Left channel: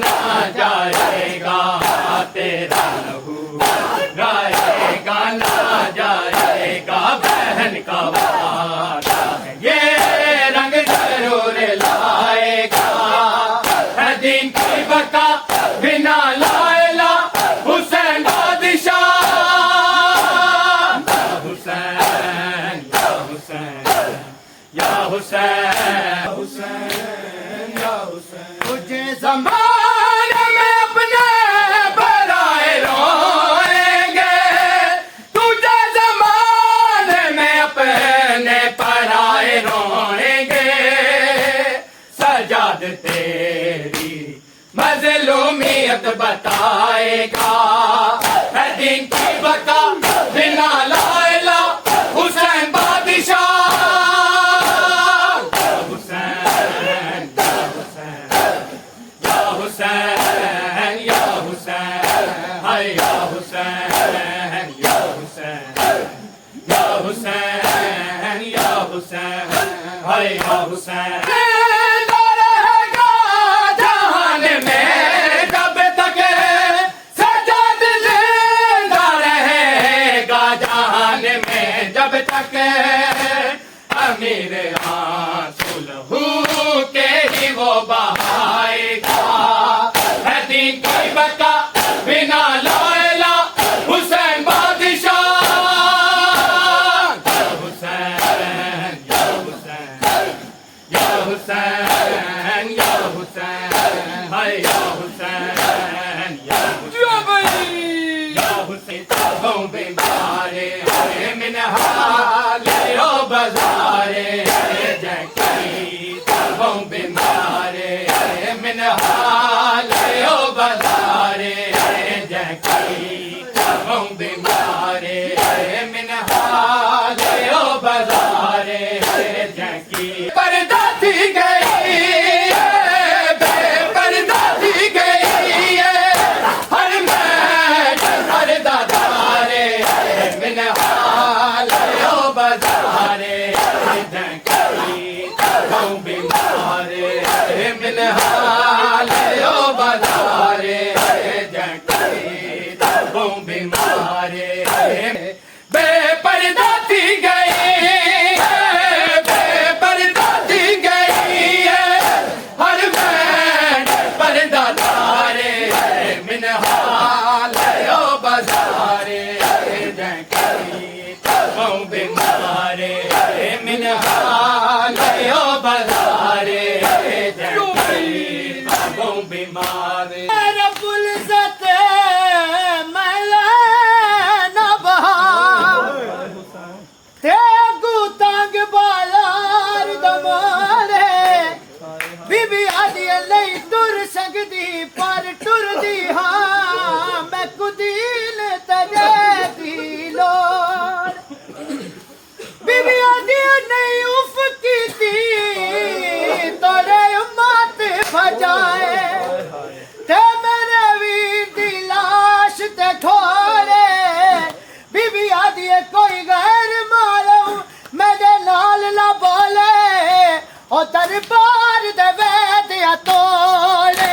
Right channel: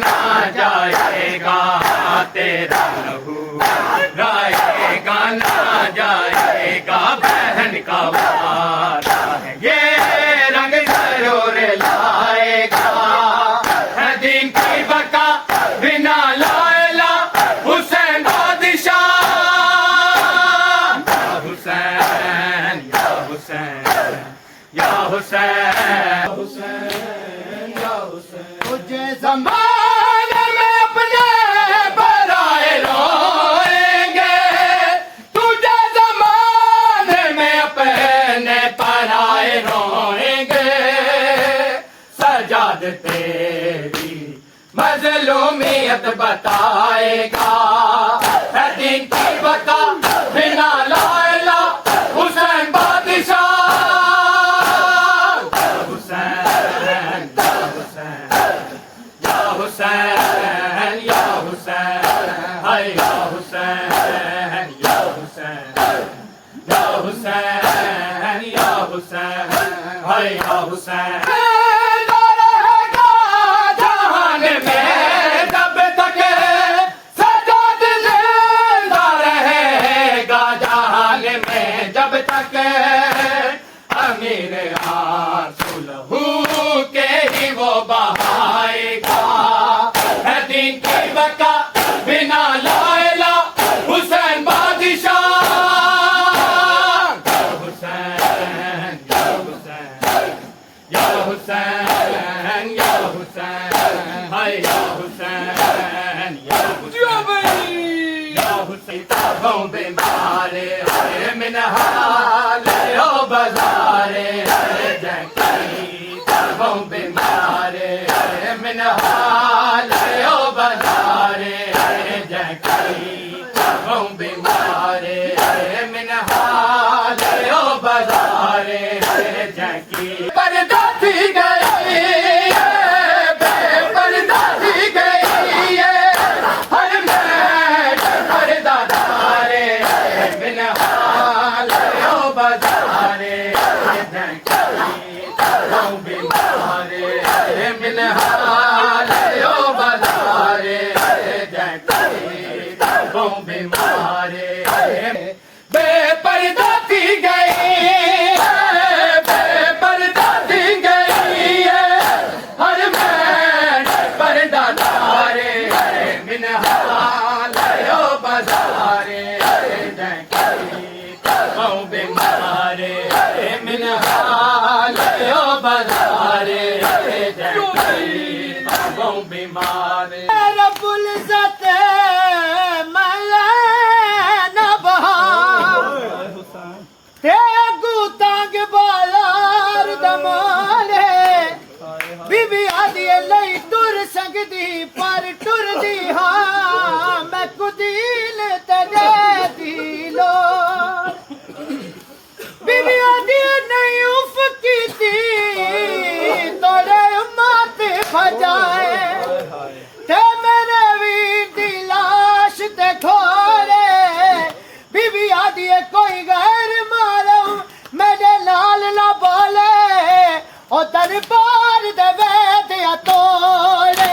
ना जाएगा तेरा लहू रहेगा ना जाएगा बहन का वादा है ये रंग जरूर लाएगा दिन की बका बिना लाएला हुसैन बादशाह हुसैन या हुसैन या हुसैन हुसैन या हुसैन तुझे ज़माने में अपने पराए रोएंगे तुझे ज़माने में अपने पराए रोएंगे सजाद तेरी मज़लूमियत बताएगा है दिन की बका बिना लाएला हुसैन बादशाह हुसैन या हुसैन या हुसैन हाय या हुसैन या हुसैन या हुसैन या हुसैन हाय या हुसैन जब तक अमीर आंसू लहू के ही वो बहाएगा है दिन की बका बिना लाएला हुसैन बादशाह हुसैन या हुसैन या हुसैन या हुसैन हाय या हुसैन या हुसैन बॉम्बे मारे मिन हाले ओ बजारे जकी बॉम्बे मारे मिन हाले ओ बजारे जकी बॉम्बे मारे मिन हाले ओ बजारे जकी पर्दा थी गई बेपर्दा थी गई हर मैं पर्दा दारे मिन बजारे जकी बॉम्बे मारे मिन हाले ओ बजारे जकी बॉम्बे मारे बेपर्दा थी गई बेपर्दा थी गई और मैं पर्दा दारे मिन हाले ओ बजारे जकी बॉम्बे मारे मिन हाले ओ बजारे जकी बॉम्बे मारे रब्बुल इज़्ज़त मला ना बहा ते गुतांग बालार दमारे बीबी आदि लई तुर संगदी पर टुरदी हां मैं कुदील तजे दी लोड़ बीबी आदि नहीं उफ की थी तोरे मात भजाए ते मेरे वीर दी लाश ते ठोरे बीबी आदि कोई गैर मारो मेरे नाल ना बोले ओ दरबार दे वैदिया तोड़े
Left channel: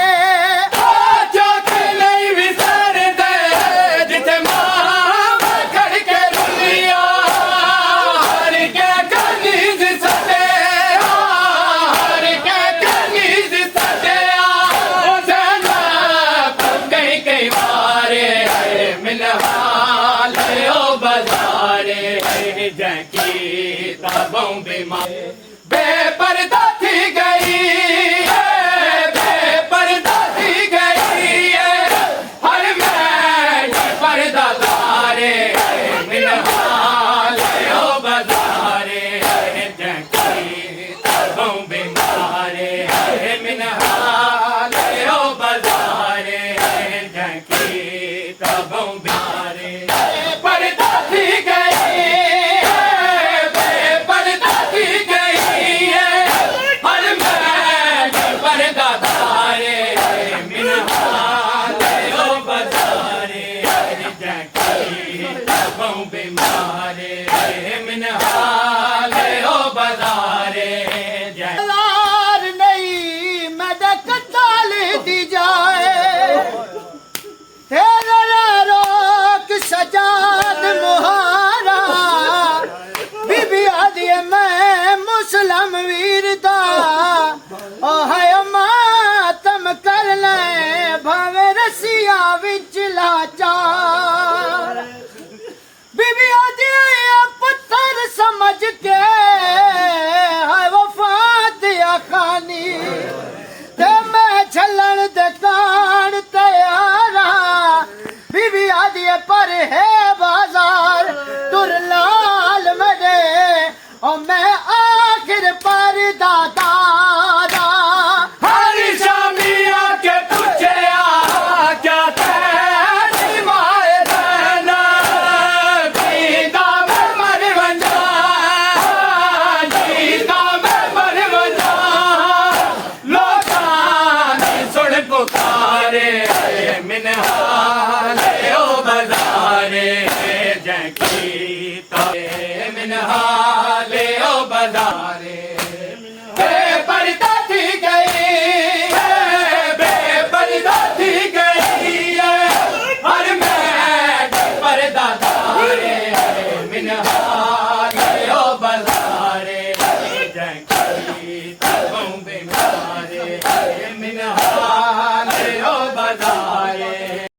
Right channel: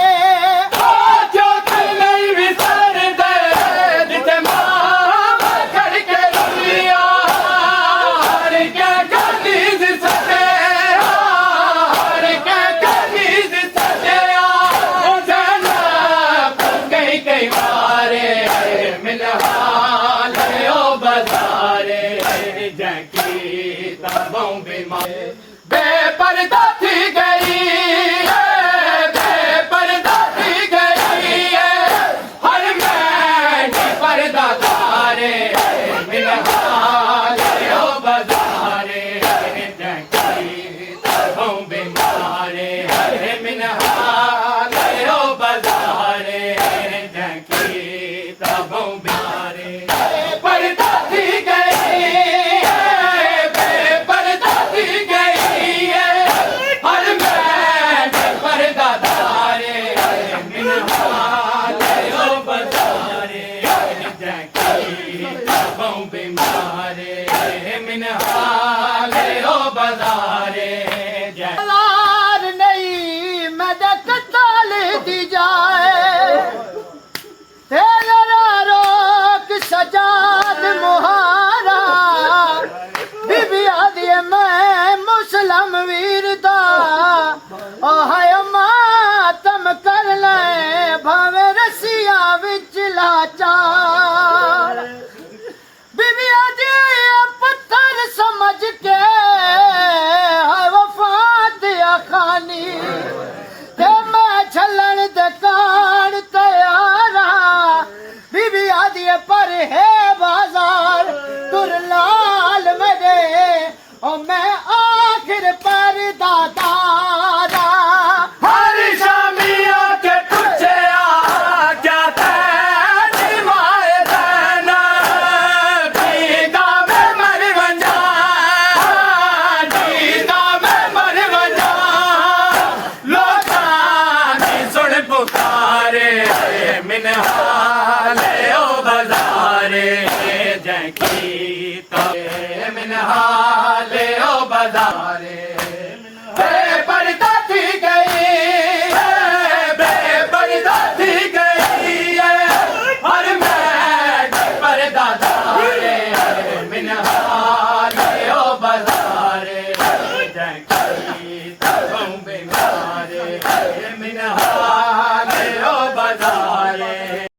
बेपर्दा थी गई बेपर्दा थी गई हर मैं पर्दा दारे मिन हाले ओ बजारे जकी बॉम्बे मारे मिन हाले ओ बजारे जकी बॉम्बे मारे पर्दा थी गई बेपर्दा थी गई ओ हाय मातम कर ले भावे रसिया विच लाचार बीबी आदि पत्थर समझ के हाय वफात खानी ते मैं छलन दुकान तैयारा बीबी आदि पर है बाजार तुर लाल मदे और मैं आखिर पर दादारा हर शामी आके पूछे आ क्या तेरी माए बहन जीता मैं मर वंजा जीता मैं मर वंजा लोकां दी सुन पुकारे मिनहाले ओ बाजारे जैकीता मिनहाले ओ बाजारे बेपर्दा थी गई बेपर्दा थी गई हर मैच पर्दा धारे मिनहाले ओ बाजारे जैकी तब बेमारे मिनहाले ओ बाजारे